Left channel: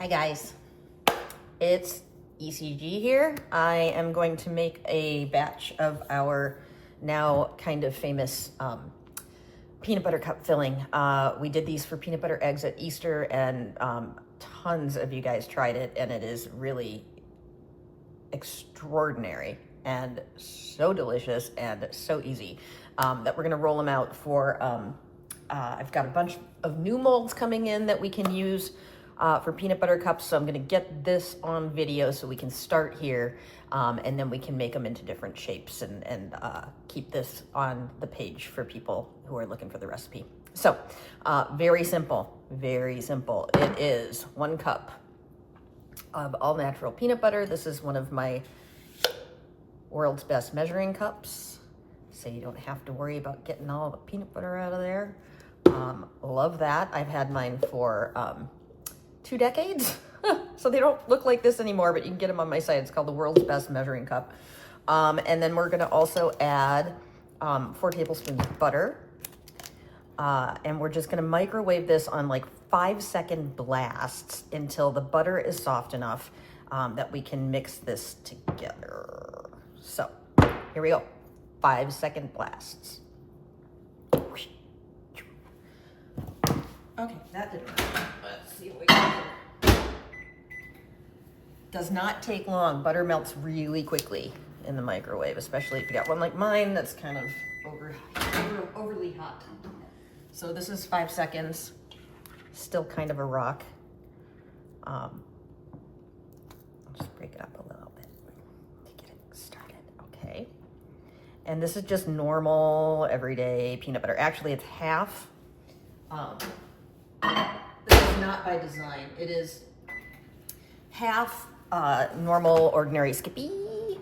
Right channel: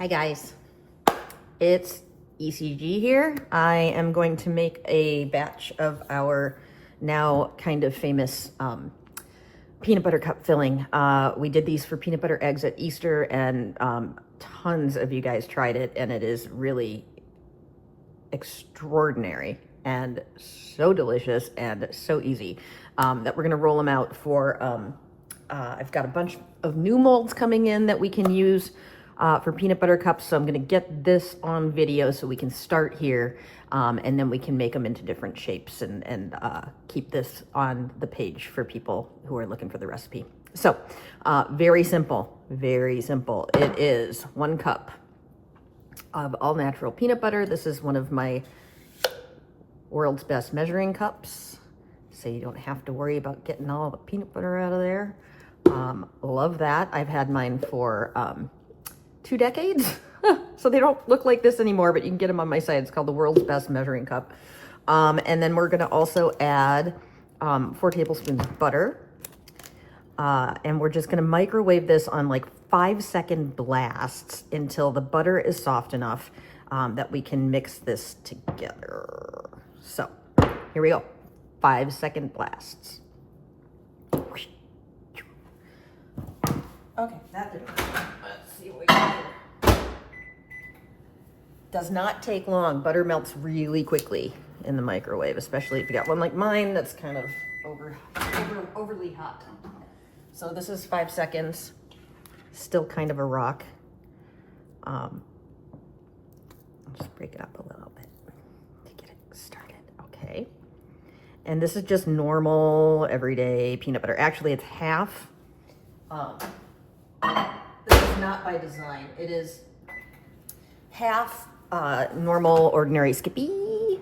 Hi guys, it's ECG here. I am going to make a batch of our now kind of famous peanut butter cup filling. We did these for peanut butter eggs at Easter, and tons of you guys tried it, and it is really extraordinary and so delicious and so easy that we're gonna roll them out for, I've got a bunch of new molds coming in that we can use for peanut butter cups. So I'm gonna get this on video so we can start here, and then we can make them into different shapes and keep this on the page for people who are looking for the recipe. So very simple, very simple. It is 1 cup of all natural peanut butter. This is one of my world's best measuring cups, so you don't have to worry about getting all the peanut butter out of there. Love that. I've had mine for 2 decades, so they don't look like this anymore, but you can get them on my site. It's called the world's best measuring cup. And then we're gonna also add 4 tablespoons of butter. And we're just gonna microwave this on like 5-second blasts until the butter is soft enough that we can mix this together. So here we go, 5-second blasts. Okay, that didn't work. Let's see what we can do. Does not take long. Butter melts really quickly in the microwave, especially if you got one like mine that's kind of overly hot. So this is 5 seconds, still kind of a rock. Just break it up a little bit to get it started, okay? And this is just normal, everyday peanut butter. Actually, it's half. This is not by design. It is half normal, ordinary Skippy,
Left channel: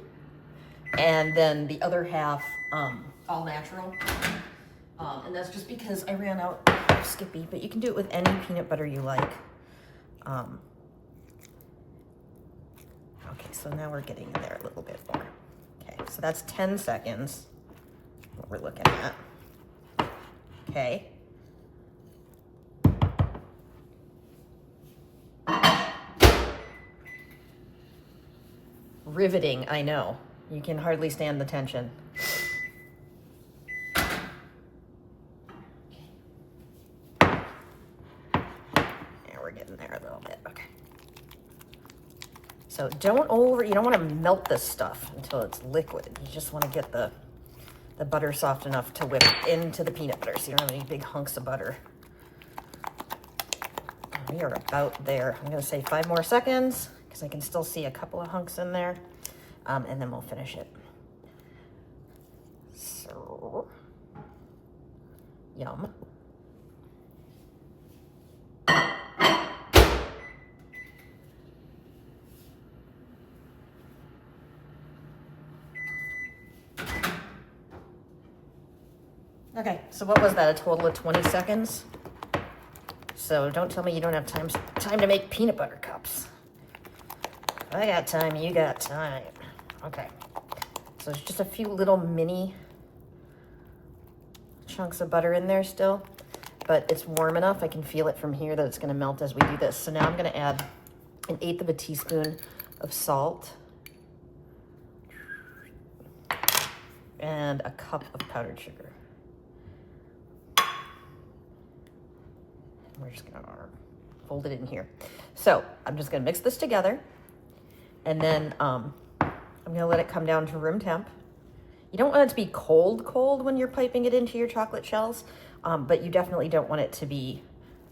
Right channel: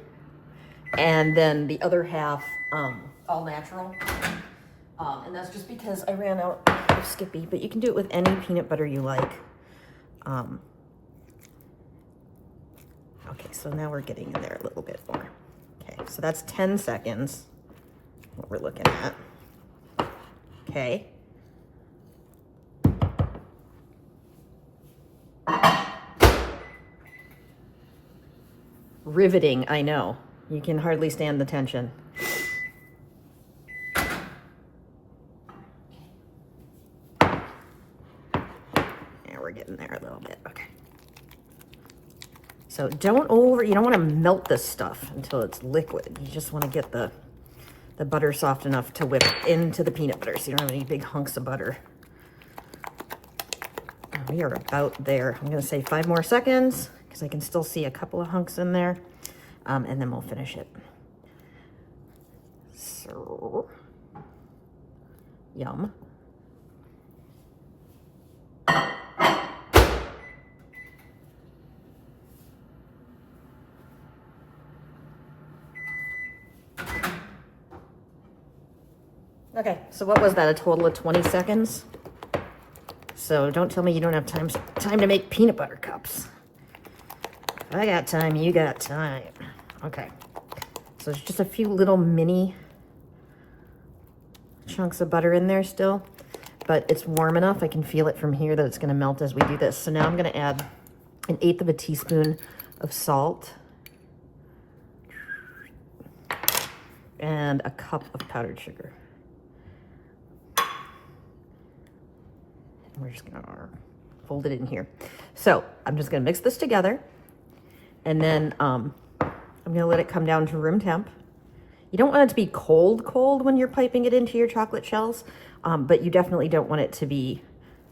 and then the other half all natural. And that's just because I ran out of Skippy, but you can do it with any peanut butter you like. Okay, so now we're getting in there a little bit more. Okay, so that's 10 seconds, what we're looking at. Okay. Riveting, I know. You can hardly stand the tension. In there a little bit. Okay. So you don't want to melt this stuff until it's liquid. You just want to get the butter soft enough to whip into the peanut butter so you don't have any big hunks of butter. And we are about there. I'm going to say 5 more seconds because I can still see a couple of hunks in there, and then we'll finish it. So, yum. Okay, so what was that, a total of 20 seconds? So don't tell me you don't have time to make peanut butter cups. If I got time, you got time. Okay, so there's just a few little mini chunks of butter in there still, but it's warm enough, I can feel it from here that it's gonna melt as we do this. So now I'm gonna add 1/8 of a teaspoon of salt and a cup of powdered sugar. We're just gonna fold it in here. So I'm just gonna mix this together, and then I'm gonna let it come down to room temp. You don't want it to be cold when you're piping it into your chocolate shells, but you definitely don't want it to be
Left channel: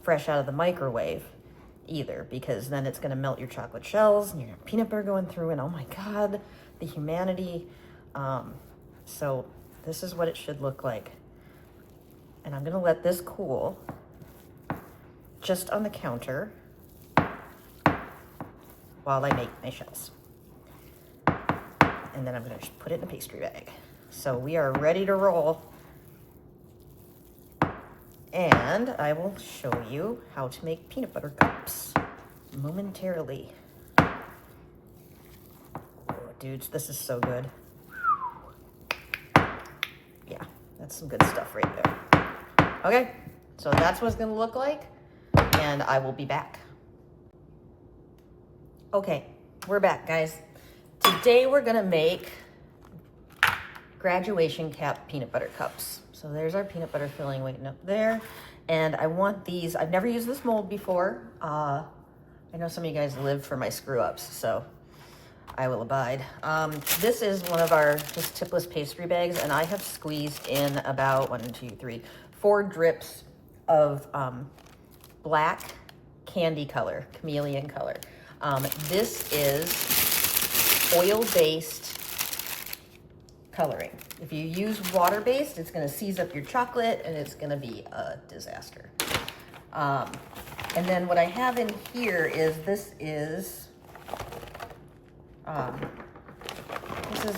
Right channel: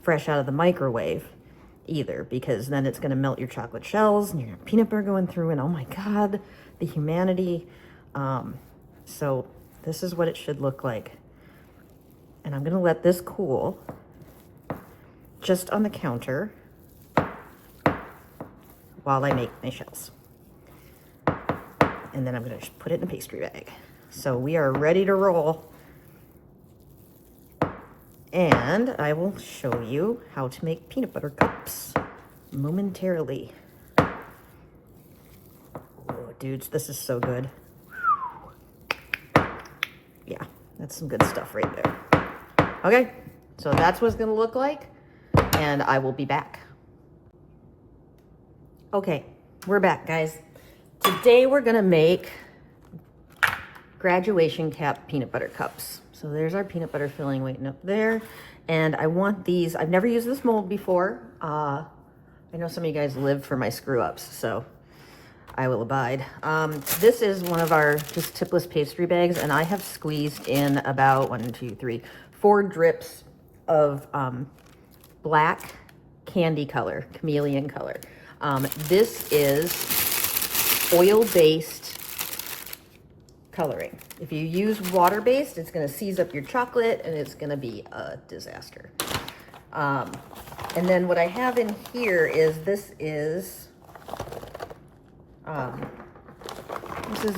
fresh out of the microwave either, because then it's gonna melt your chocolate shells and your peanut butter going through, and oh my God, the humanity. So this is what it should look like. And I'm gonna let this cool just on the counter while I make my shells. And then I'm gonna just put it in a pastry bag. So we are ready to roll. And I will show you how to make peanut butter cups momentarily. Oh, dudes, this is so good. Yeah, that's some good stuff right there. Okay, so that's what it's gonna look like, and I will be back. Okay, we're back, guys. Today we're gonna make graduation cap peanut butter cups. So there's our peanut butter filling waiting up there. And I want these, I've never used this mold before. I know some of you guys live for my screw ups, so I will abide. This is one of our just tipless pastry bags, and I have squeezed in about 4 drips of black candy color, chameleon color. This is oil-based coloring. If you use water-based, it's gonna seize up your chocolate and it's gonna be a disaster. And then what I have in here is, this is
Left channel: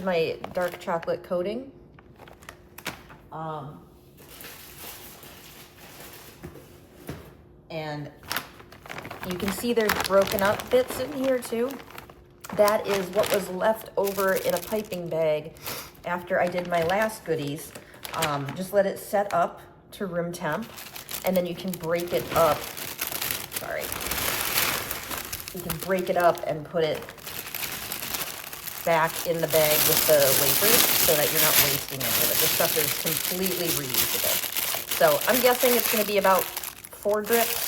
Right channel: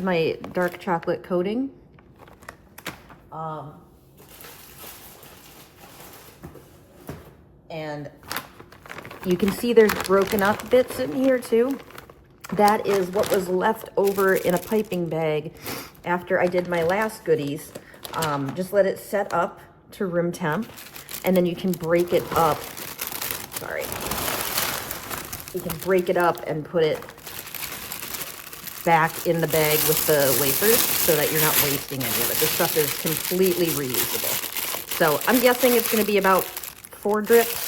my dark chocolate coating. And you can see there's broken up bits in here too. That is what was left over in a piping bag after I did my last goodies. Just let it set up to room temp, and then you can break it up. Sorry. You can break it up and put it back in the bag with the wafers so that you're not wasting any of it. This stuff is completely reusable. So I'm guessing it's going to be about 4 drips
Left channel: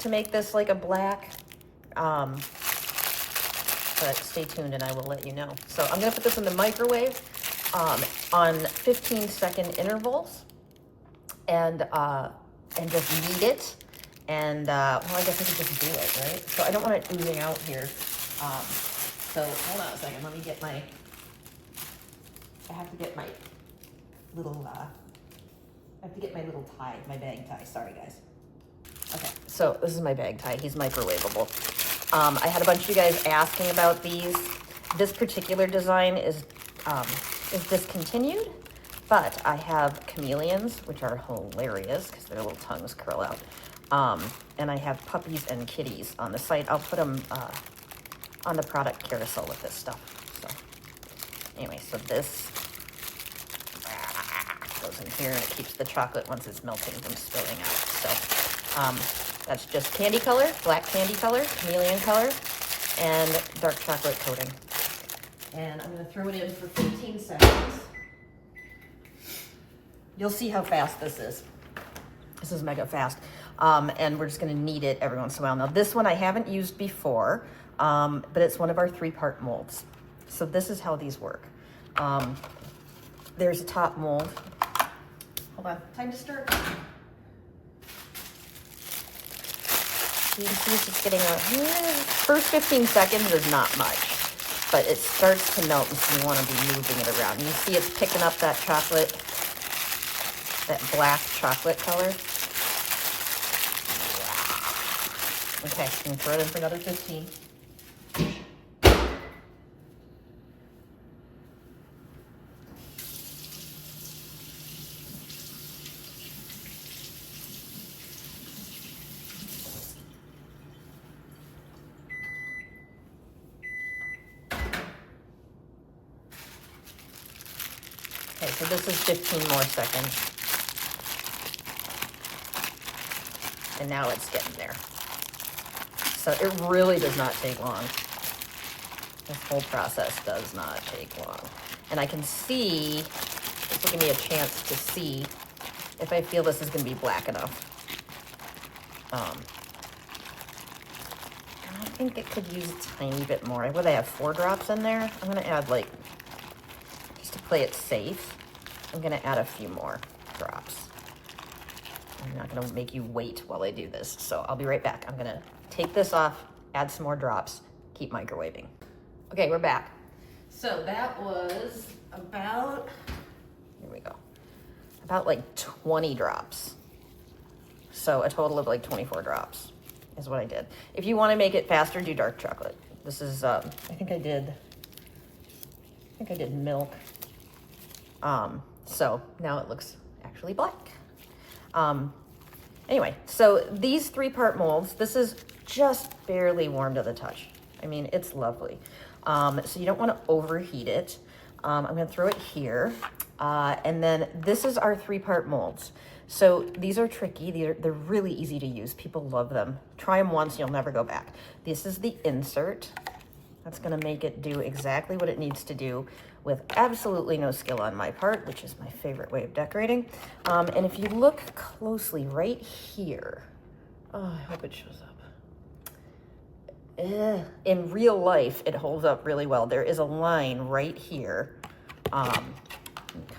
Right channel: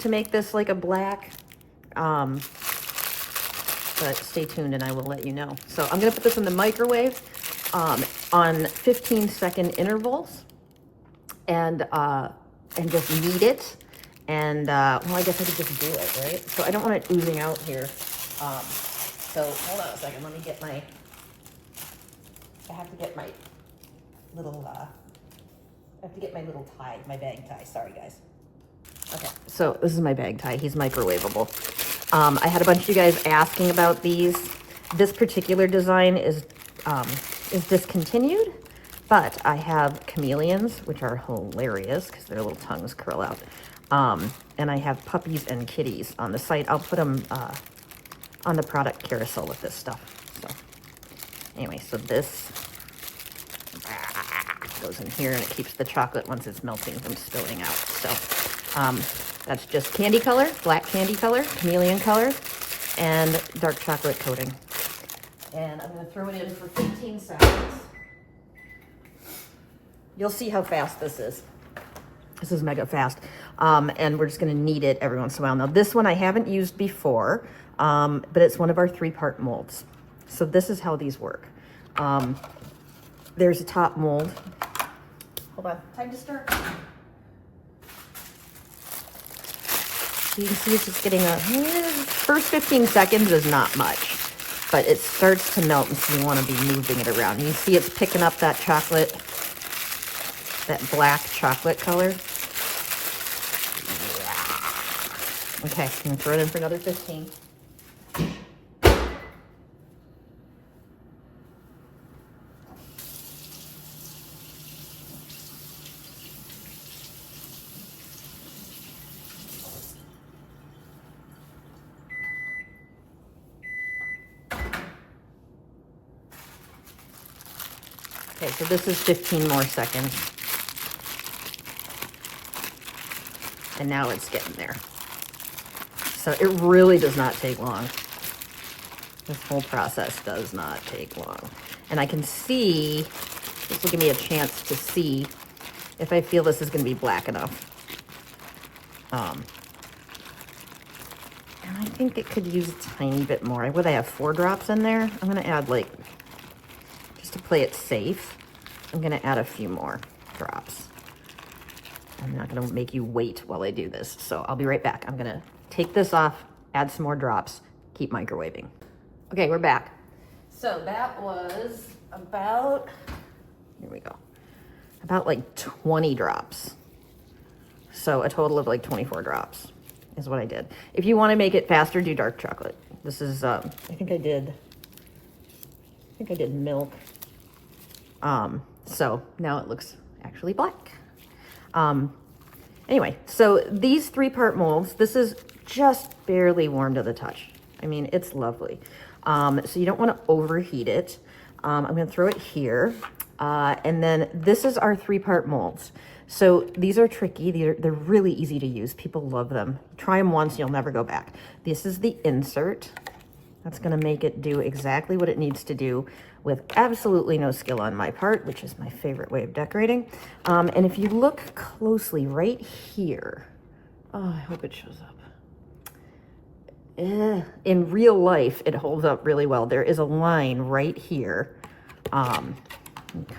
to make this like a black. But stay tuned and I will let you know. So I'm gonna put this in the microwave on 15-second intervals and just knead it. And well, I guess I could just do it, right? So I don't want it oozing out here. So hold on a second, let me get my, I have to get my little tie, my bag tie, sorry guys. Okay, so this is my bag tie, he's microwavable. I had a bunch of you guys asking about these. This particular design is discontinued, but I have chameleons, which are hilarious because their little tongues curl out. And I have puppies and kitties on the site. I'll put them on the product carousel with this stuff. So anyway, so this goes in here and it keeps the chocolate once it's melting from spilling out. So that's just candy color, black candy color, chameleon color, and dark chocolate coating. And I'm gonna throw it in for 15 seconds. You'll see how fast this is. This is mega fast. And we're just gonna knead it every once in a while. Now this one I haven't used before, but it's one of our 3-part molds. So this is how these work. There's a top mold. Hold on, time to stir. You can see it's just getting first 15 seconds is not much, but it starts to melt, and so you want to be moving it around. You see it's picking up that chocolate, that black chocolate color. Okay, I'm gonna throw it in for another 15. Okay, so this is 15 more seconds. And now it's getting there. So it really does not take long. This whole process does not take long. And I can see, this will give me a chance to see if I feel this is gonna be black enough. And I think it could use a tiny bit more. Would I have 4 drops in there? I'm gonna add like, to play it safe, I'm gonna add a few more drops. I'm not gonna make you wait while I do this, so I'll be right back. I'm gonna take this off, add some more drops, keep microwaving. Okay, we're back. So that was about, here we go, about like 20 drops. So a total of like 24 drops is what I did. If you wanna make it faster, do dark chocolate. This is, I think I did milk. So now it looks actually black. Anyway, so these 3-part molds, this is just barely warm to the touch. I mean, it's lovely. So you don't want to overheat it. I'm gonna throw it here. And then this is our 3-part molds. So these are tricky. They're really easy to use. People love them. Try them once, you'll never go back. This is the insert. That's gonna make it do exactly what it needs to do with absolutely no skill on my part, which is my favorite way of decorating. And if you look closely right here, oh, I hope it shows up. In real life, it holds up really well. There is a line right here.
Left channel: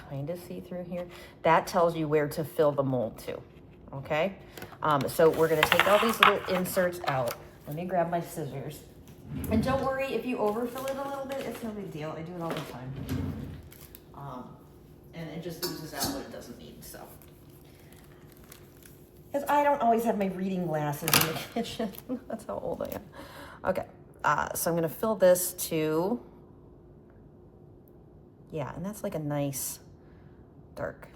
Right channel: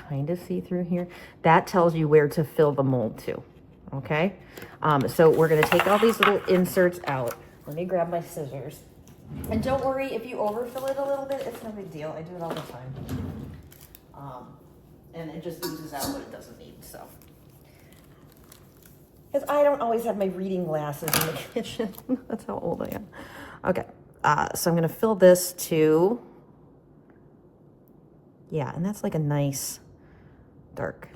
Kind of see through here. That tells you where to fill the mold to, okay? So we're gonna take all these little inserts out. Let me grab my scissors. And don't worry if you overfill it a little bit, it's no big deal. I do it all the time. And it just oozes out what it doesn't need, so. Because I don't always have my reading glasses in the kitchen. That's how old I am. Okay, so I'm gonna fill this to, yeah, and that's like a nice dark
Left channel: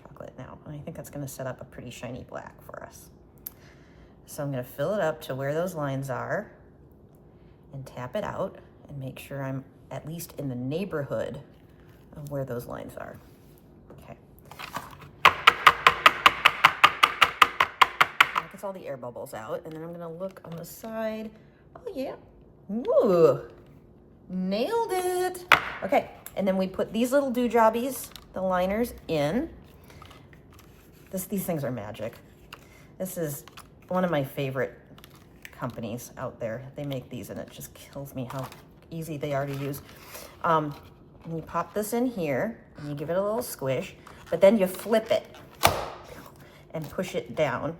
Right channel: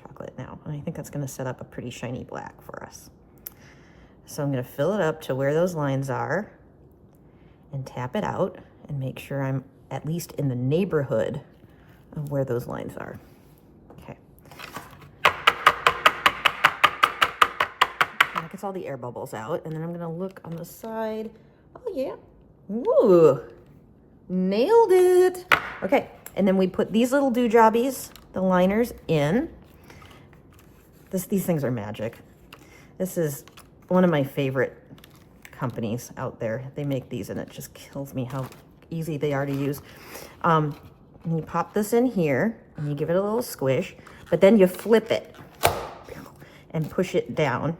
chocolate now. And I think that's gonna set up a pretty shiny black for us. So I'm gonna fill it up to where those lines are and tap it out and make sure I'm at least in the neighborhood of where those lines are. Okay. That gets all the air bubbles out, and then I'm gonna look on the side. Oh yeah, ooh, nailed it. Okay, and then we put these little doojobbies, the liners, in. These things are magic. This is one of my favorite companies out there. They make these and it just kills me how easy they are to use. And you pop this in here and you give it a little squish, but then you flip it and push it down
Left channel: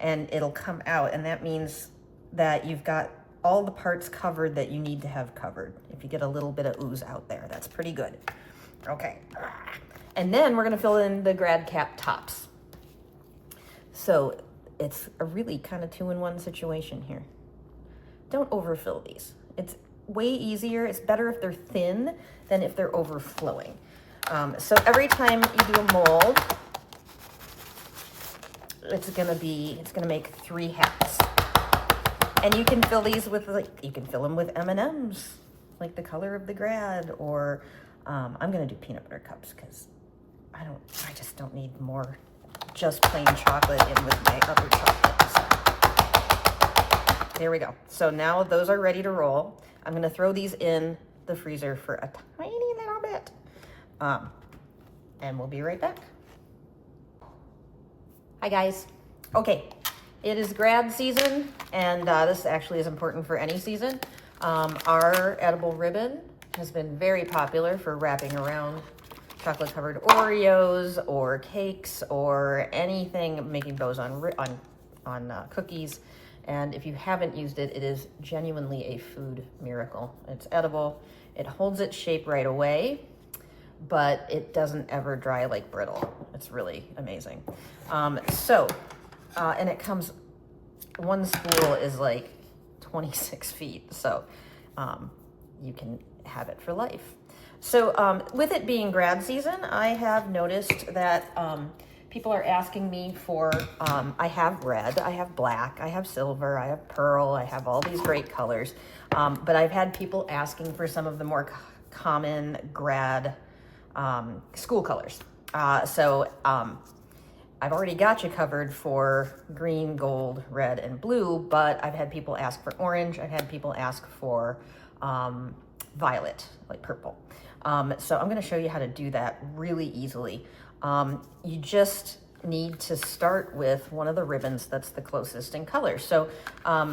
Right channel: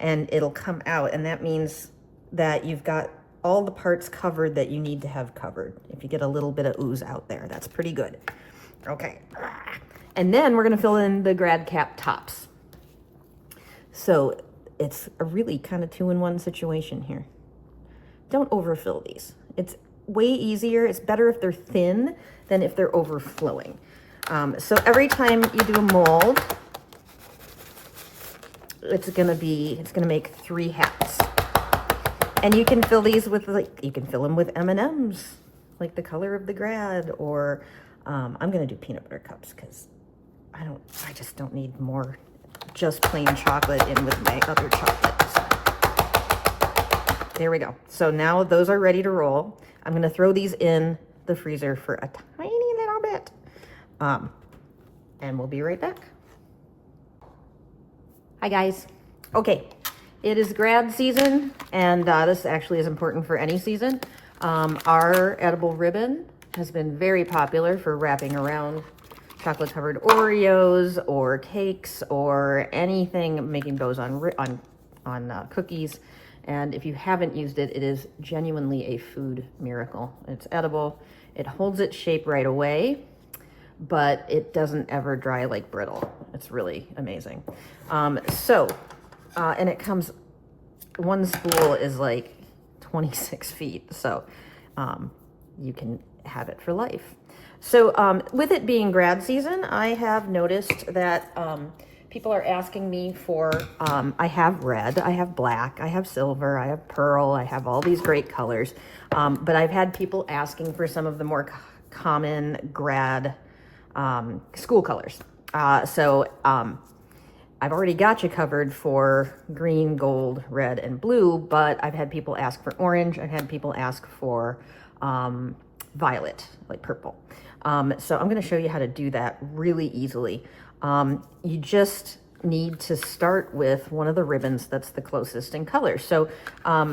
and it'll come out, and that means that you've got all the parts covered that you need to have covered. If you get a little bit of ooze out there, that's pretty good. Okay, and then we're gonna fill in the Grad cap tops. So it's a really kind of 2-in-1 situation here. Don't overfill these. It's way easier. It's better if they're thin than if they're overflowing. So every time you do a mold, it's gonna make 3 hats. And you can fill these with, like, you can fill them with M&Ms, like the color of the Grad, or I'm gonna do peanut butter cups because I just don't need more just plain chocolate in with my other chocolate. So, there we go. So now those are ready to roll. I'm gonna throw these in the freezer for a tiny little bit. And we'll be right back. Hi guys. Okay, it is Grad season, and this actually is important for any season. Our edible ribbon has been very popular for wrapping around chocolate covered Oreos or cakes or anything, making bows on cookies. And if you haven't used it, it is genuinely a food miracle. It's edible. It holds its shape right away, but it doesn't ever dry like brittle. It's really amazing. And it comes, one spool is like 26 feet. So you can have it for life. So with it being Grad season, I have noticed that people are asking me for, I have red, I have black, I have silver, I have pearl, I have all these great colors. But I've had people asking for some of the more common Grad school colors. I've already got you covered for green, gold, red, and blue, but I've had people ask for orange. I've had people ask for violet, like purple. So I'm gonna show you how to do that really easily. You just need to start with one of the ribbons that's the closest in color. So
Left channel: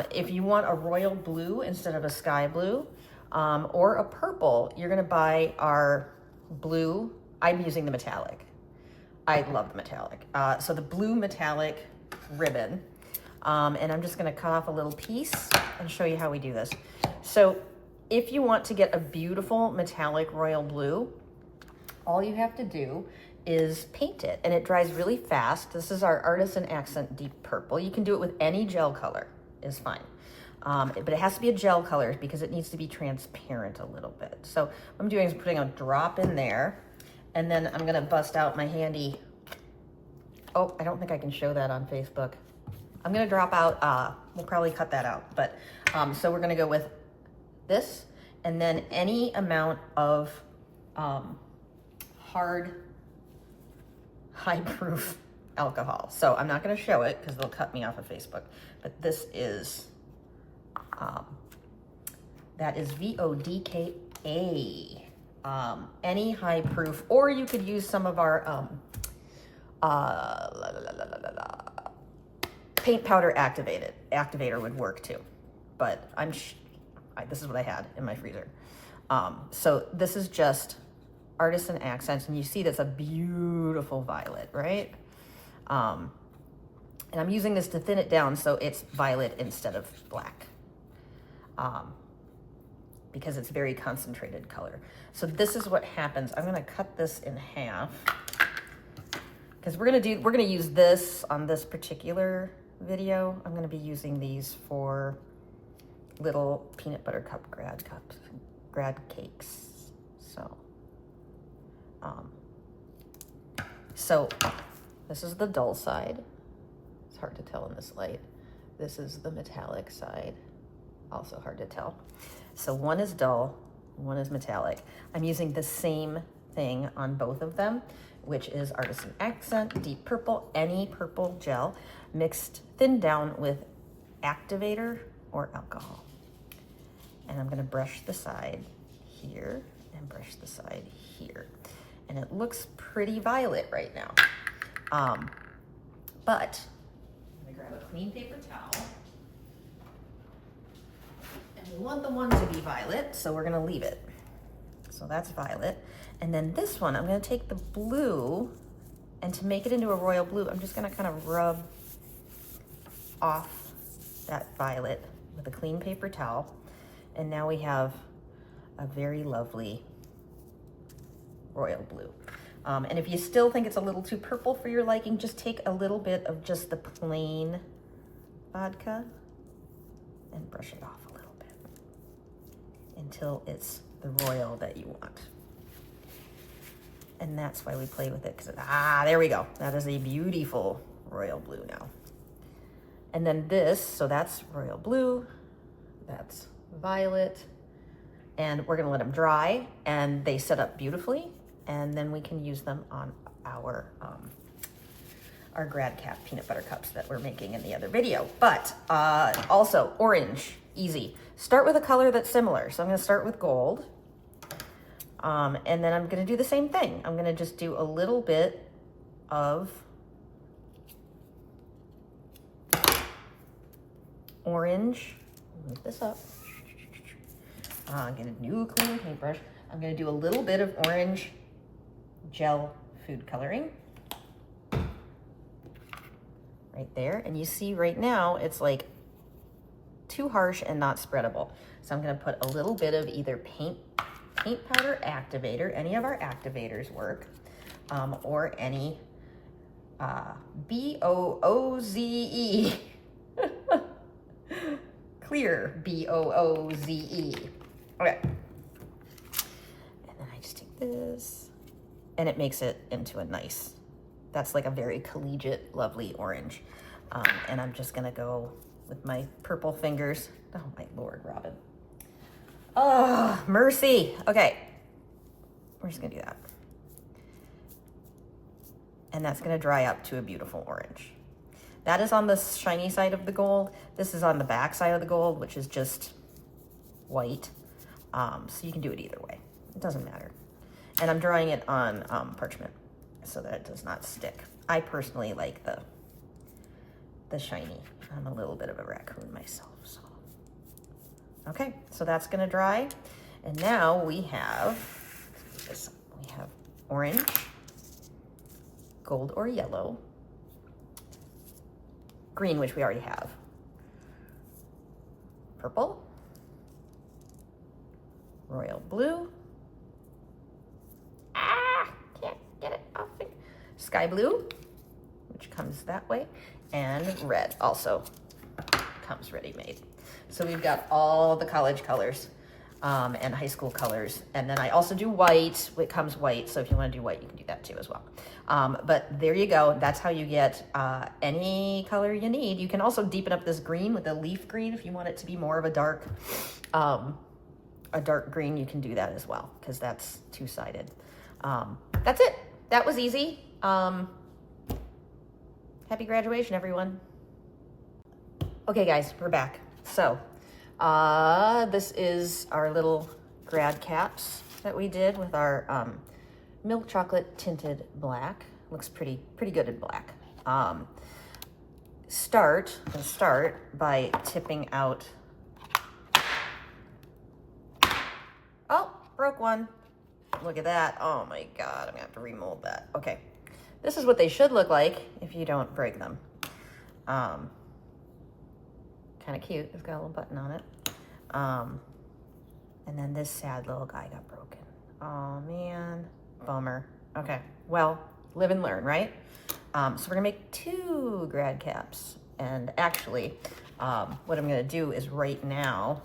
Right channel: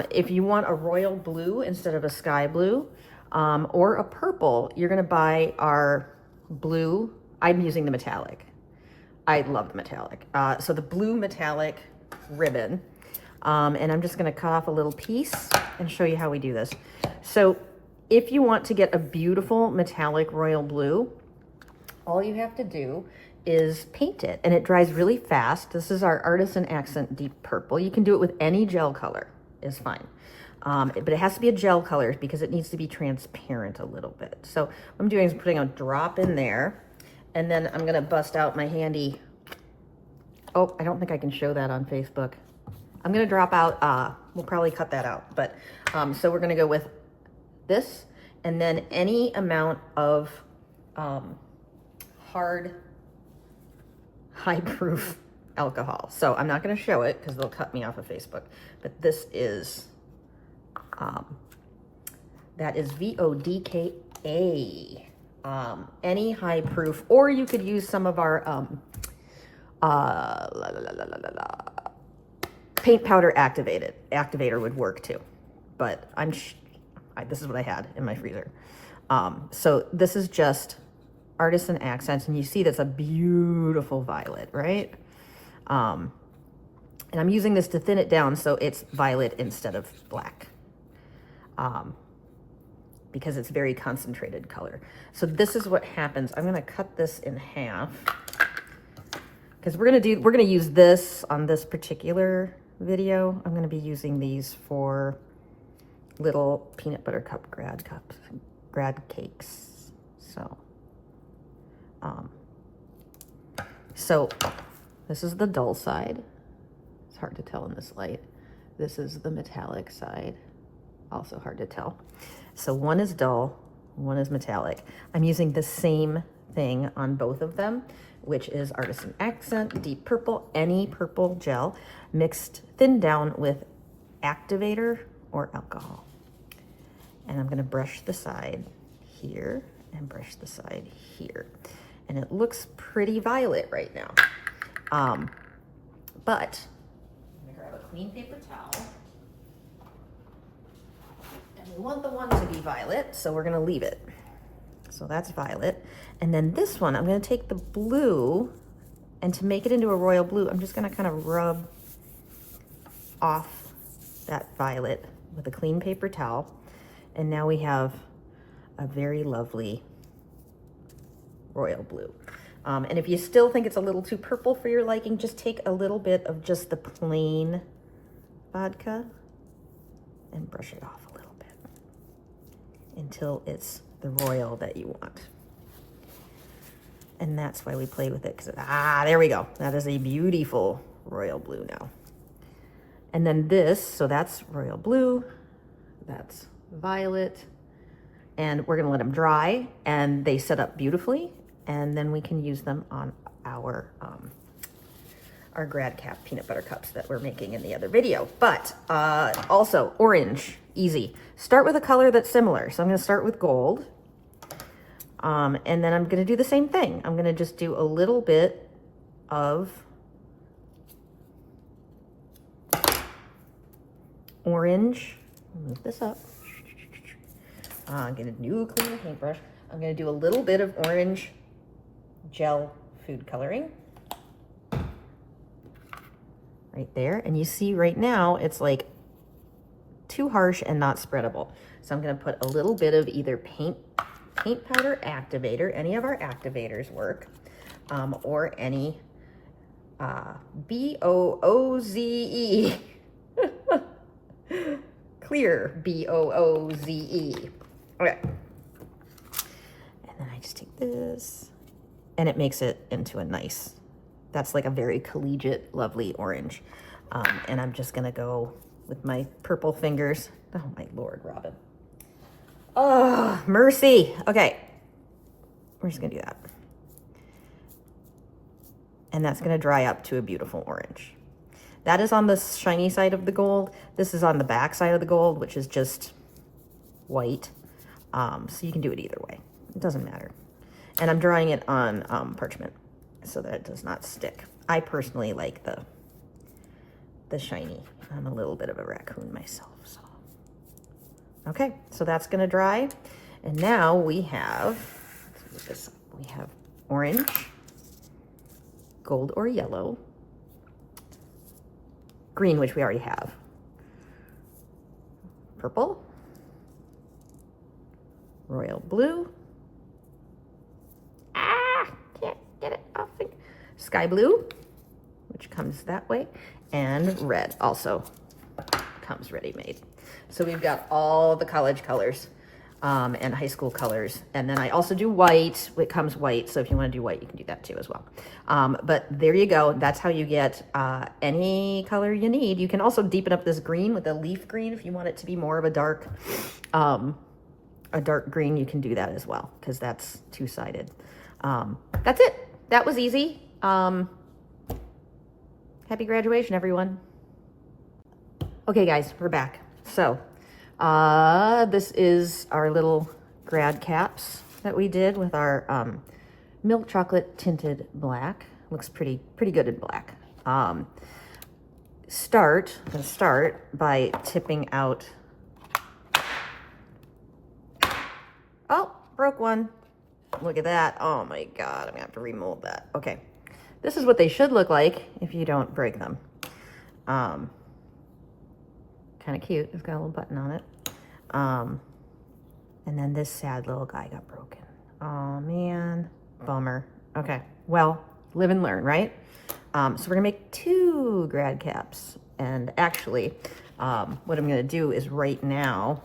if you want a royal blue instead of a sky blue, or a purple, you're gonna buy our blue. I'm using the metallic. I love the metallic. So the blue metallic ribbon, and I'm just gonna cut off a little piece and show you how we do this. So if you want to get a beautiful metallic royal blue, all you have to do is paint it, and it dries really fast. This is our Artisan Accent Deep Purple. You can do it with any gel color, is fine. But it has to be a gel color because it needs to be transparent a little bit. So what I'm doing is putting a drop in there, and then I'm gonna bust out my handy, oh, I don't think I can show that on Facebook. I'm gonna drop out, we'll probably cut that out, but so we're gonna go with this, and then any amount of hard, high-proof alcohol. So I'm not going to show it because they'll cut me off of Facebook, but this is, that is vodka. Any high-proof, or you could use some of our paint powder activator would work too, but this is what I had in my freezer. So this is just Artisan Accents, and you see that's a beautiful violet, right? And I'm using this to thin it down so it's violet instead of black, because it's very concentrated color. So this is what happens. I'm gonna cut this in half because we're gonna use this on this particular video. I'm gonna be using these for little peanut butter cup grad cakes. So this is the dull side. It's hard to tell in this light. This is the metallic side. Also hard to tell. So one is dull, one is metallic. I'm using the same thing on both of them, which is Artisan Accent Deep Purple, any purple gel, mixed thinned down with activator or alcohol. And I'm gonna brush the side here and brush the side here. And it looks pretty violet right now. But I'm gonna grab a clean paper towel. And we want the one to be violet, so we're gonna leave it. So that's violet. And then this one, I'm gonna take the blue, and to make it into a royal blue, I'm just gonna kind of rub off that violet with a clean paper towel. And now we have a very lovely royal blue. And if you still think it's a little too purple for your liking, just take a little bit of just the plain vodka and brush it off a little bit until it's the royal that you want. And that's why we play with it, because there we go. That is a beautiful royal blue now. And then this, so that's royal blue, that's violet, and we're gonna let them dry, and they set up beautifully, and then we can use them on our Grad Cap peanut butter cups that we're making in the other video. But also orange, easy. Start with a color that's similar. So I'm gonna start with gold, and then I'm gonna do the same thing. I'm gonna just do a little bit of orange. Move this up. I'm gonna do a clean paintbrush. I'm gonna do a little bit of orange gel food coloring right there. And you see right now, it's like too harsh and not spreadable. So I'm gonna put a little bit of either paint powder activator, any of our activators work, or any B-O-O-Z-E. Clear, B-O-O-Z-E. Okay. And then I just take this, and it makes it into a nice, that's like a very collegiate, lovely orange. And I'm just gonna go with my purple fingers. Oh my Lord, Robin. Oh, mercy. Okay, we're just gonna do that. And that's gonna dry up to a beautiful orange. That is on the shiny side of the gold. This is on the back side of the gold, which is just white. So you can do it either way. It doesn't matter. And I'm drying it on parchment so that it does not stick. I personally like the shiny. I'm a little bit of a raccoon myself. So. Okay, so that's gonna dry. And now we have orange, gold or yellow, green, which we already have, purple, royal blue, can't get it off, sky blue, which comes that way, and red also comes ready-made. So we've got all the college colors and high school colors. And then I also do white. It comes white, so if you want to do white, you can do that too as well. But there you go. That's how you get any color you need. You can also deepen up this green with a leaf green if you want it to be more of a dark a dark green, you can do that as well, because that's two-sided. That's it. That was easy. Happy graduation, everyone. Okay, guys, we're back. So, this is our little grad caps that we did with our milk chocolate tinted black. Looks pretty good in black. Start by tipping out. Oh, broke one. Look at that. Oh my God, I'm gonna have to remold that. Okay, this is what they should look like if you don't break them. Kind of cute. It's got a little button on it. And then this sad little guy got broken. Oh man, bummer. Okay, well, live and learn, right? So we're gonna make 2 grad caps. And actually, what I'm gonna do is right now,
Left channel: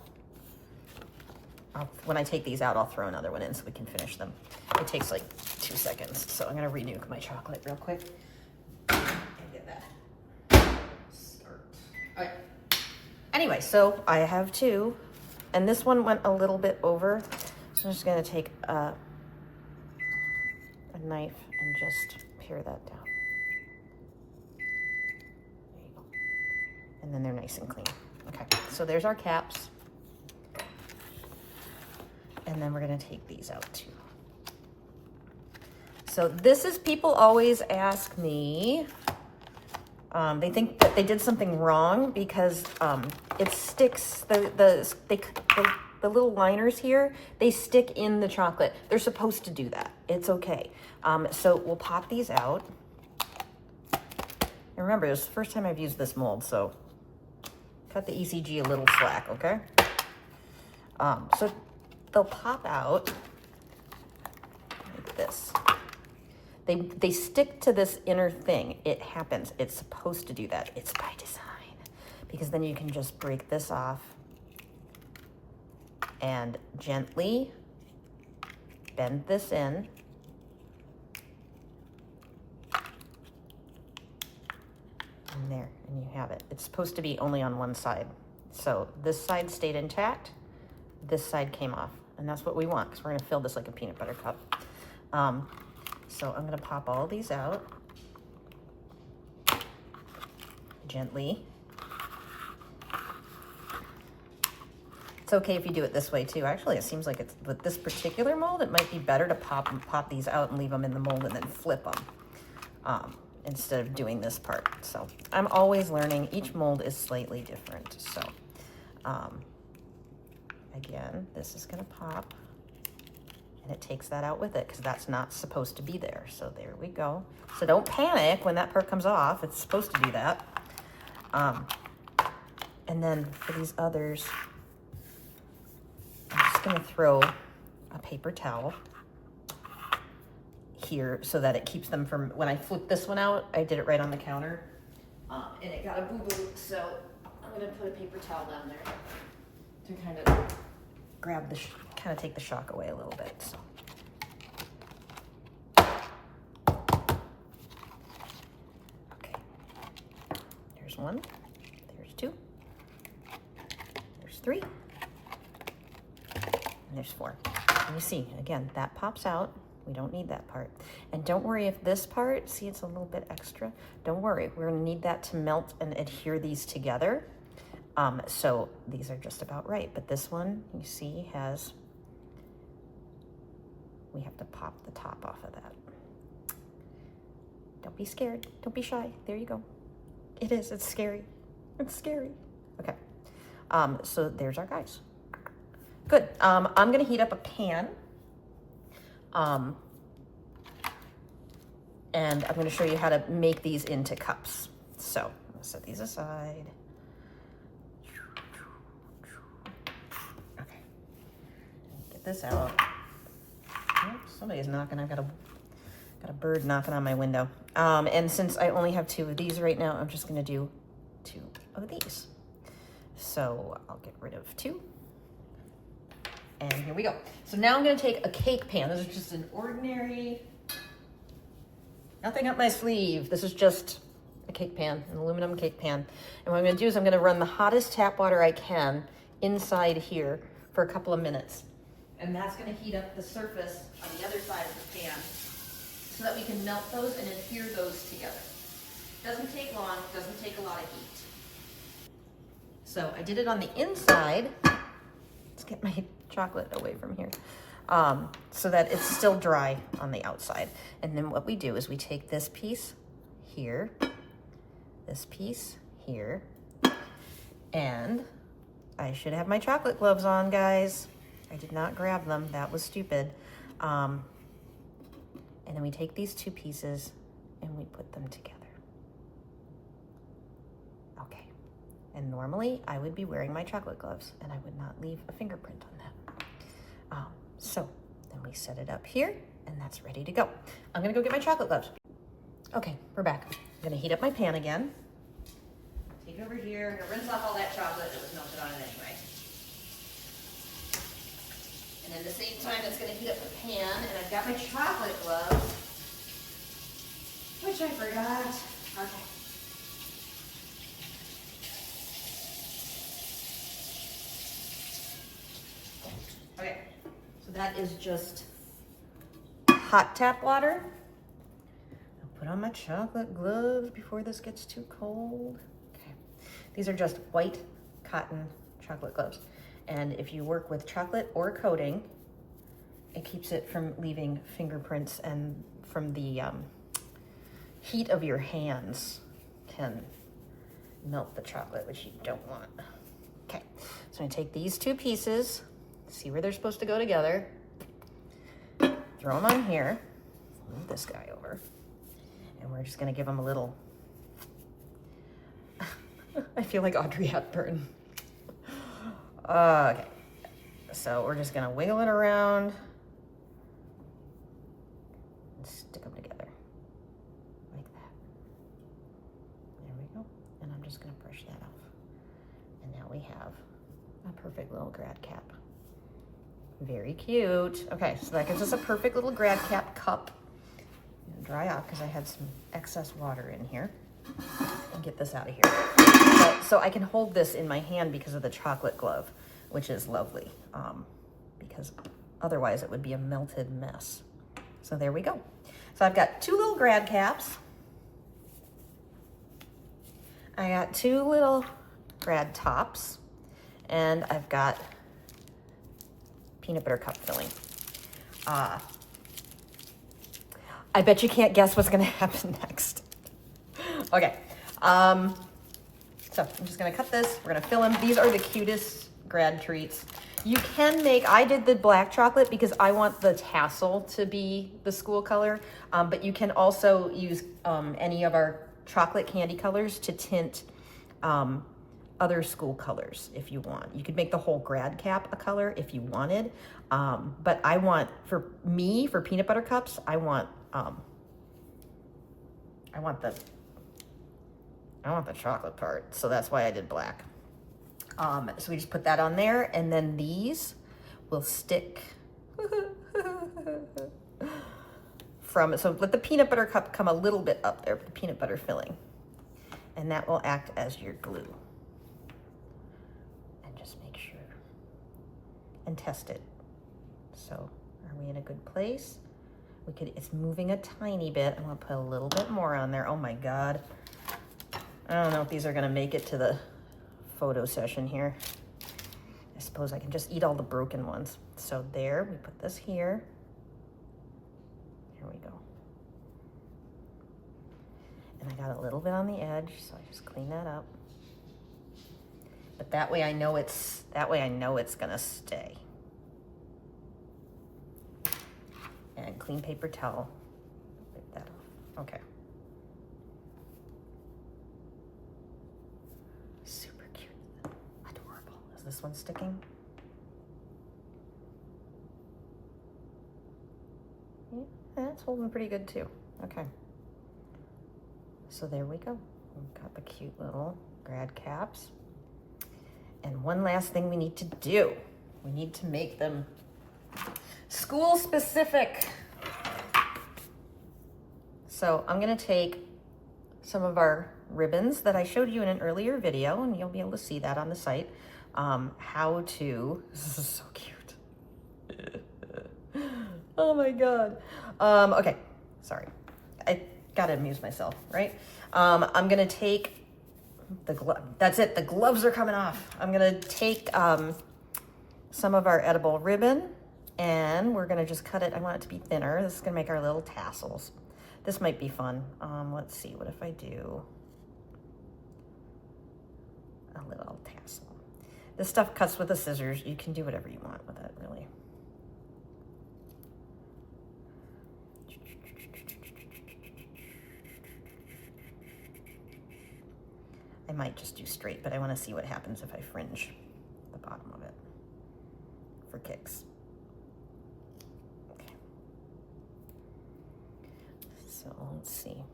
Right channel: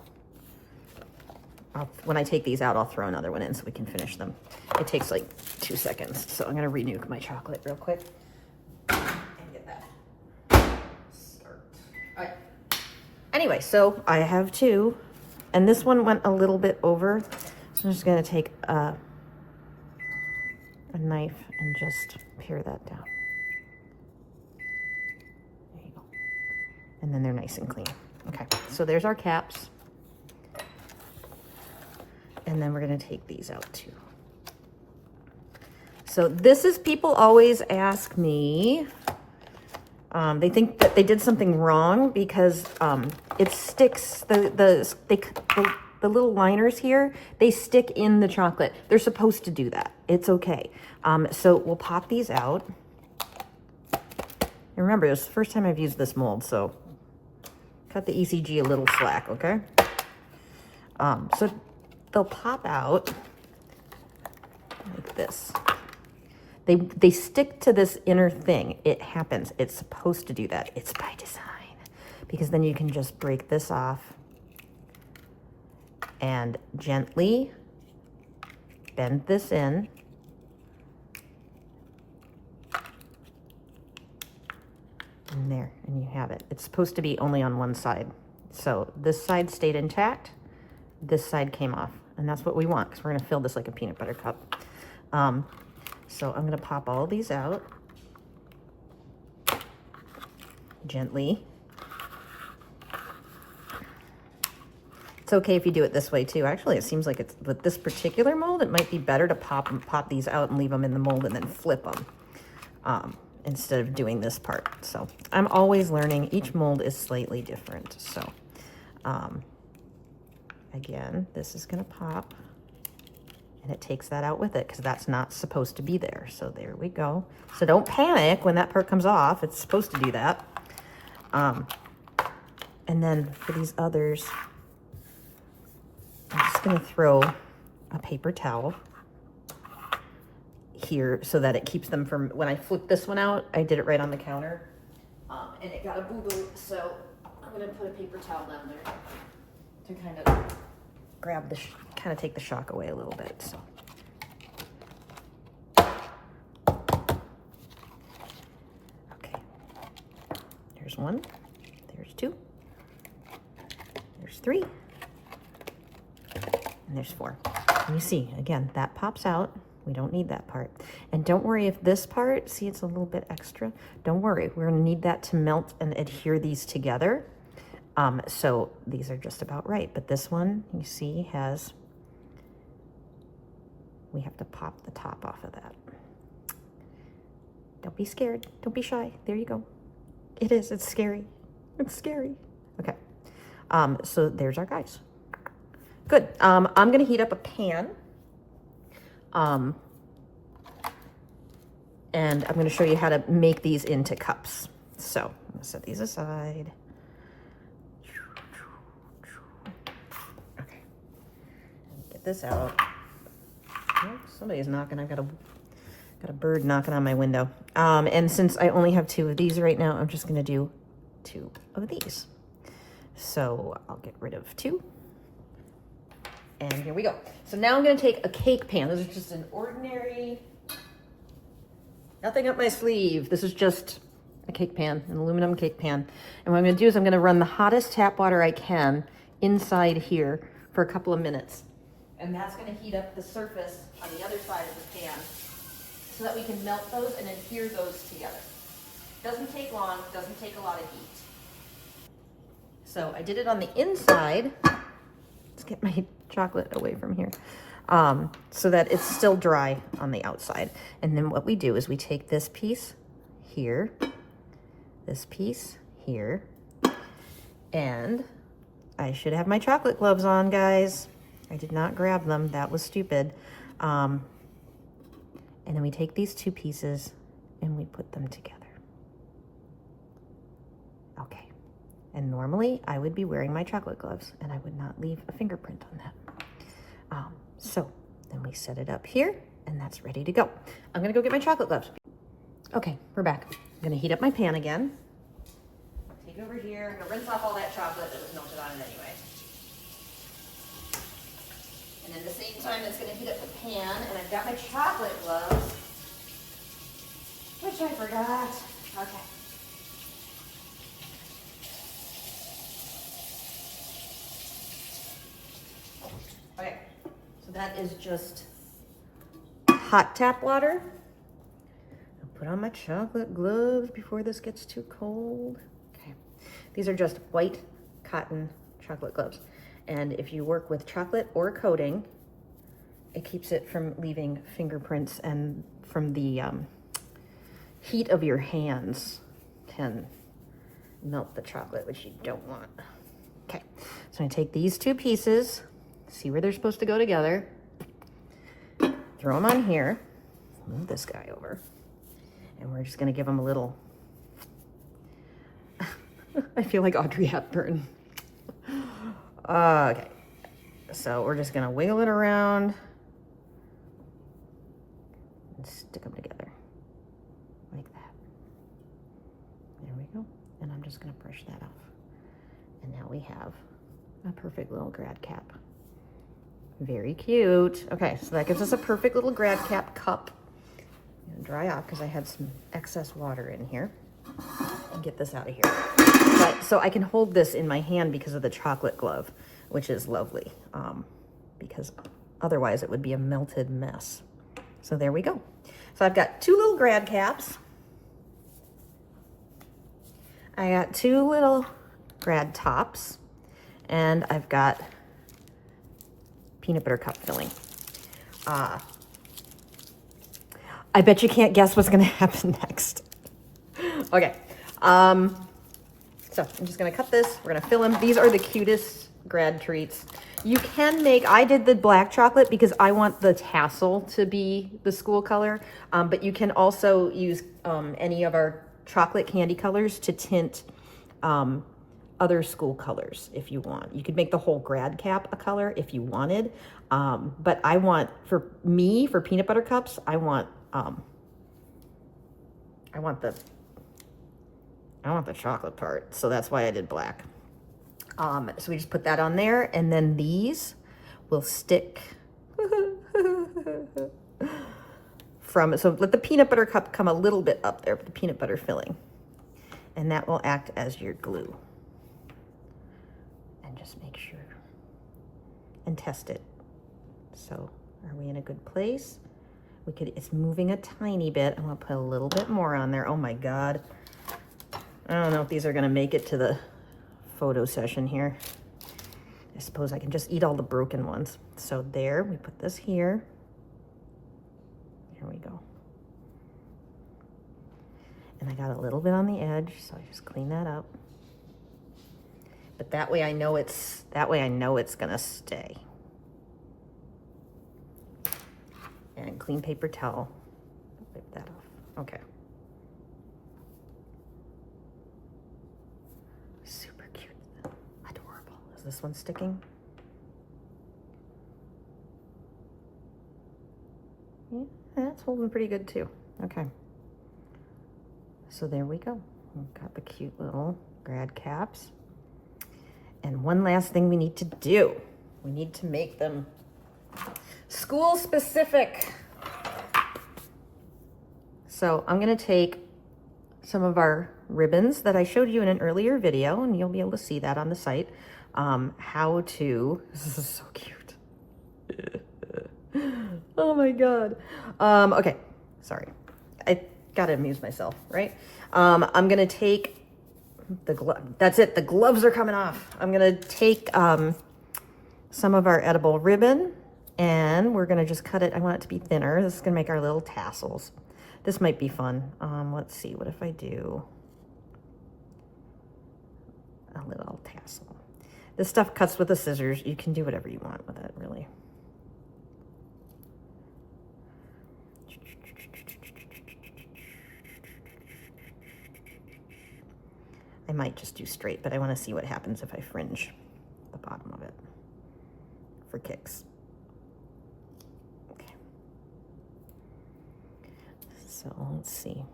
when I take these out, I'll throw another one in so we can finish them. It takes like 2 seconds. So I'm gonna renuke my chocolate real quick and get that. Start. All right. Anyway, so I have 2, and this one went a little bit over. So I'm just gonna take a knife and just pare that down. There you go. And then they're nice and clean. Okay, so there's our caps. And then we're gonna take these out too. So this is, people always ask me, they think that they did something wrong because it sticks, the little liners here, they stick in the chocolate. They're supposed to do that. It's okay. So we'll pop these out. And remember, it's the first time I've used this mold, so cut the ECG a little slack, okay? So they'll pop out like this. They stick to this inner thing. It happens. It's supposed to do that. It's by design. Because then you can just break this off and gently bend this in. And there, and you have it. It's supposed to be only on one side. So this side stayed intact. This side came off. And that's what we want, because we're gonna fill this like a peanut butter cup. So I'm gonna pop all of these out gently. It's okay if you do it this way too. Actually, it seems like it's with this particular mold, it might be better to pop these out and leave them in the mold and then flip them instead of doing this part. So I'm always learning. Each mold is slightly different. So again, this is gonna pop. And it takes that out with it because that's not supposed to be there. So there we go. So don't panic when that part comes off. It's supposed to do that. And then for these others, I'm just gonna throw a paper towel here so that it keeps them from, when I flip this one out, I did it right on the counter and it got a boo-boo. So I'm gonna put a paper towel down there to kind of grab the, kind of take the shock away a little bit. So. Okay, there's 1, there's 2, there's 3, and there's 4. And you see, again, that pops out. We don't need that part. And don't worry if this part, see it's a little bit extra, don't worry, we're gonna need that to melt and adhere these together. So these are just about right, but this one, you see, has, we have to pop the top off of that. Don't be scared, don't be shy, there you go. It is, it's scary, it's scary. Okay, so there's our guys. Good, I'm gonna heat up a pan. And I'm gonna show you how to make these into cups. So, I'm gonna set these aside. Okay, get this out. Oh, somebody's knocking. I got a bird knocking on my window. And since I only have 2 of these right now, I'm just gonna do 2 of these. So I'll get rid of 2. And here we go. So now I'm gonna take a cake pan. This is just an ordinary, nothing up my sleeve. This is just a cake pan, an aluminum cake pan. And what I'm gonna do is I'm gonna run the hottest tap water I can inside here for a couple of minutes. And that's gonna heat up the surface on the other side of the pan so that we can melt those and adhere those together. Doesn't take long, doesn't take a lot of heat. So I did it on the inside. Let's get my chocolate away from here. So that it's still dry on the outside. And then what we do is we take this piece here, this piece here, and I should have my chocolate gloves on, guys. I did not grab them, that was stupid. And then we take these two pieces and we put them together. Okay, and normally I would be wearing my chocolate gloves and I would not leave a fingerprint on them. So then we set it up here and that's ready to go. I'm gonna go get my chocolate gloves. Okay, we're back. I'm gonna heat up my pan again. Take it over here, I'm gonna rinse off all that chocolate that was melted on it anyway. And at the same time, it's gonna heat up the pan, and I've got my chocolate gloves, which I forgot. Okay. Okay, so that is just hot tap water. I'll put on my chocolate gloves before this gets too cold. Okay, these are just white cotton chocolate gloves. And if you work with chocolate or coating, it keeps it from leaving fingerprints, and from the heat of your hands can melt the chocolate, which you don't want. Okay, so I take these two pieces, see where they're supposed to go together, throw them on here, move this guy over, and we're just gonna give them a little, I feel like Audrey Hepburn. Okay, so we're just gonna wiggle it around and stick them together like that. There we go. And I'm just gonna brush that off. And now we have a perfect little grad cap. Very cute. Okay, so that gives us a perfect little grad cap cup. I'm gonna dry off because I had some excess water in here. And get this out of here. So I can hold this in my hand because of the chocolate glove, which is lovely, because otherwise it would be a melted mess. So there we go. So I've got two little grad caps. I got two little grad tops, and I've got peanut butter cup filling. I bet you can't guess what's gonna happen next. Okay, so I'm just gonna cut this, we're gonna fill them. These are the cutest grad treats. You can make, I did the black chocolate because I want the tassel to be the school color, but you can also use any of our chocolate candy colors to tint other school colors if you want. You could make the whole grad cap a color if you wanted, but I want, for peanut butter cups, I want the chocolate part, so that's why I did black. So we just put that on there, and then these will stick so let the peanut butter cup come a little bit up there, the peanut butter filling, and that will act as your glue. And just make sure and test it. So are we in a good place? It's moving a tiny bit. I'm gonna put a little bit more on there. Oh my God. I don't know if these are gonna make it to the photo session here. I suppose I can just eat all the broken ones. So there, we put this here. Here we go. And I got a little bit on the edge, so I just clean that up. But that way I know it's gonna stay. And clean paper towel, wipe that off. Okay. Super cute, adorable. Is this one sticking? Yeah, that's holding pretty good too. Okay. So there we go. We've got the cute little grad caps. And one last thing we need to do. We need to make them school specific. So I'm gonna take some of our ribbons that I showed you in an earlier video, and you'll be able to see that on the site. This is so cute. Oh my God. Okay, sorry. I gotta amuse myself, right? I'm gonna take the glove. That's it, the gloves are coming off. I'm gonna take some of our edible ribbon and we're gonna just cut it. I want it to be thinner. This is gonna make our little tassels. This might be fun. Let's see, what if I do a little tassel? This stuff cuts with the scissors. You can do whatever you want with it, really. I might just do straight, but I want to see what happens if I fringe the bottom of it for kicks. Okay. So let's see.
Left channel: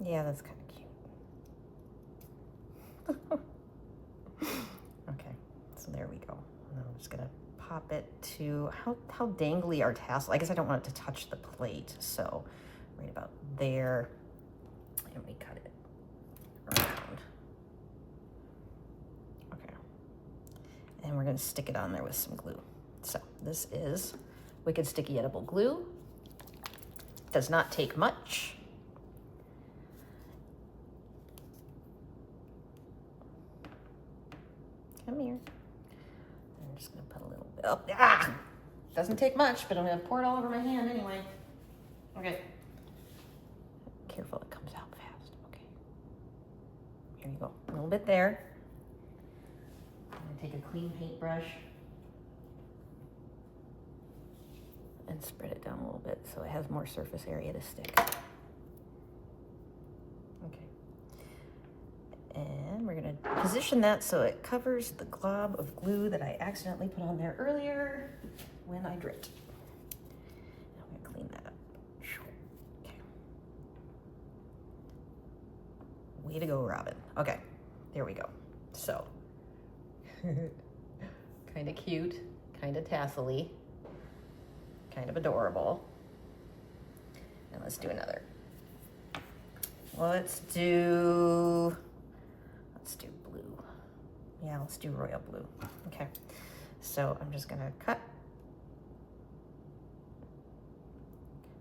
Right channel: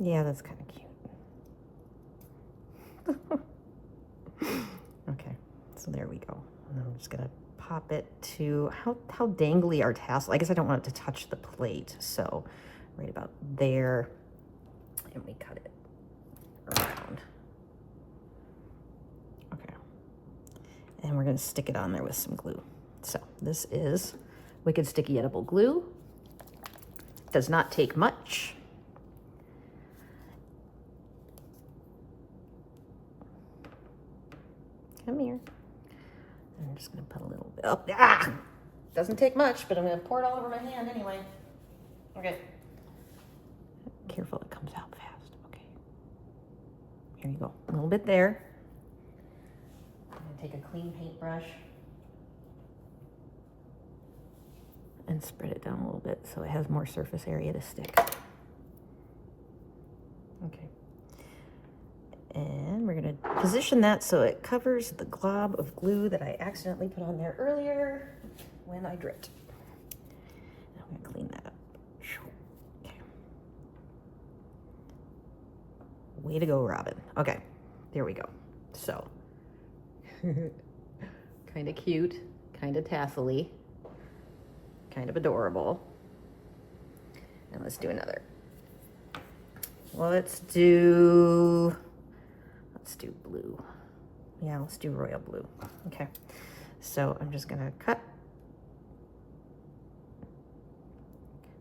Yeah, that's kind of cute. Okay, so there we go. And I'm just gonna pop it to, how dangly our tassel. I guess I don't want it to touch the plate, so right about there, and we cut it around. Okay, and we're gonna stick it on there with some glue. So this is Wicked Sticky Edible Glue. Does not take much. Come here. I'm just gonna put a little bit up. Ah! Doesn't take much, but I'm gonna pour it all over my hand anyway. Okay. Careful, it comes out fast. Okay. Here you go. A little bit there. I'm gonna take a clean paintbrush and spread it down a little bit so it has more surface area to stick. Okay. And we're gonna position that so it covers the glob of glue that I accidentally put on there earlier when I dripped. I'm gonna clean that up. Okay. Way to go, Robin. Okay, there we go. So, kind of cute, kind of tassel-y, kind of adorable. And let's do another. Let's do blue. Yeah, let's do royal blue. Okay, so I'm just gonna cut.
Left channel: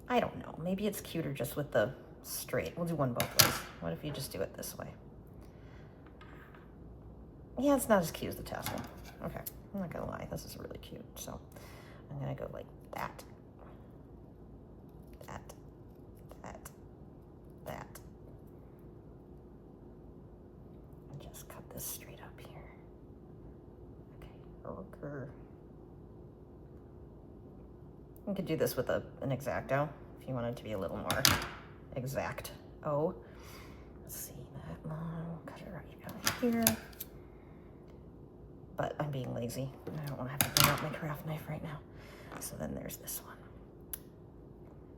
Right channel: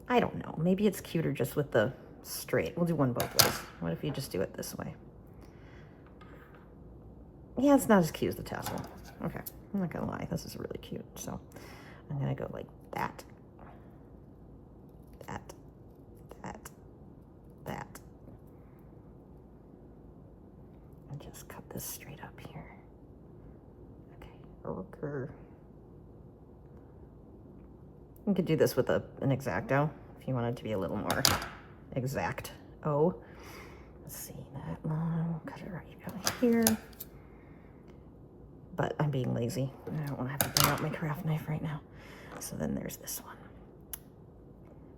I don't know, maybe it's cuter just with the straight. We'll do one both ways. What if you just do it this way? Yeah, it's not as cute as the tassel. Okay, I'm not gonna lie, this is really cute. So I'm gonna go like that. Just cut this straight up here. Okay, okay. You could do this with an X-Acto if you wanted to be a little more exact. Oh, let's see that long. Cut it right out here. But I'm being lazy. I don't want to have to bring out my craft knife right now. So then there's this one.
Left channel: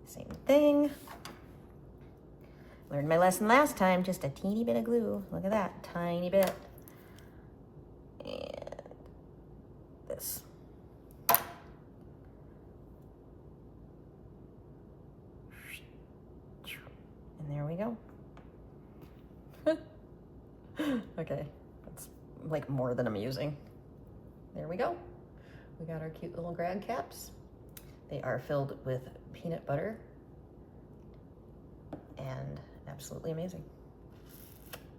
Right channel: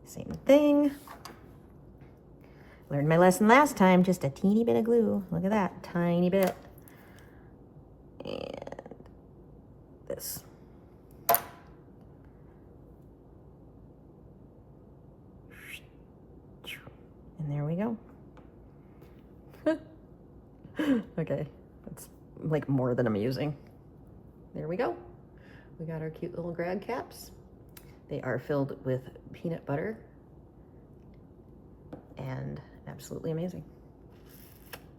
Same thing. Learned my lesson last time, just a teeny bit of glue. Look at that, tiny bit. And this. And there we go. Okay, that's like more than amusing. There we go. We got our cute little grad caps. They are filled with peanut butter and absolutely amazing.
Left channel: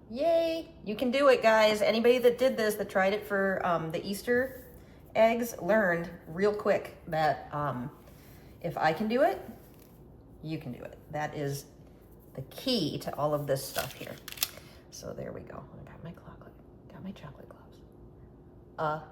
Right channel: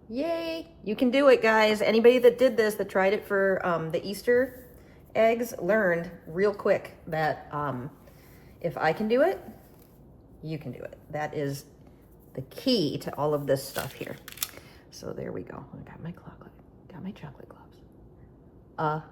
Yay! You can do it, guys. Anybody that did this, that tried it for the Easter eggs, learned real quick that if I can do it, you can do it. That is the key to all of this stuff here. So there we go. I got my chocolate gloves.